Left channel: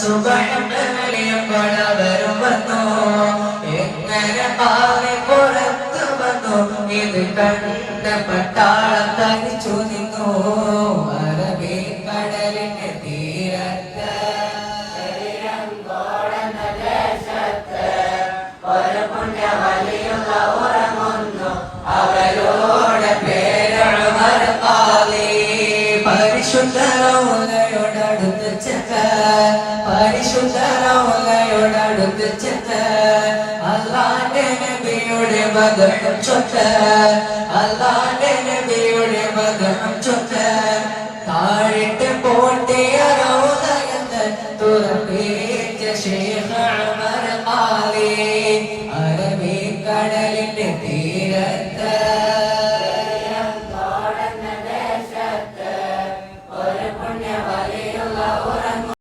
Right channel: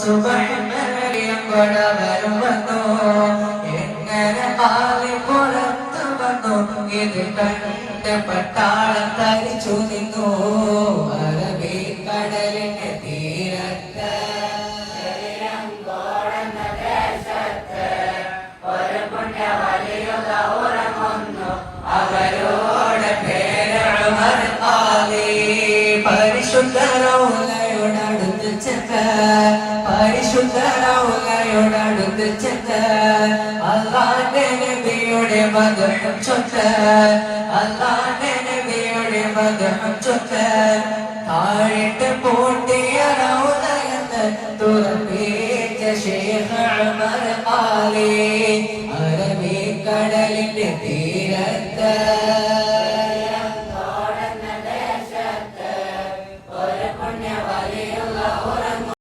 സുബ്ഹാനലിയം കൊടവരും വന്നു എങ്ങനെ പാതി പുറത്തു വന്നു ഇത് കണ്ട പട്ടാളം തരിച്ചു നിന്നു അറബി കടലിന്റെ തീരത്ത് ഒരു പുണ്യവലിയുള്ള ഉറങ്ങുന്നു അവരോട് പേരാണ് മരമാലി പരിശുദ്ധ റൗലയോടടുത്ത് ചെന്ന് പരിശുദ്ധ റൗലയോടടുത്ത് ചെന്ന് അല്ലാഹുവിന്റെ നബിയുടെ മദ്ഹ് ചൊല്ല് അല്ലാഹുവിന്റെ നബിയുടെ മദ്ഹ്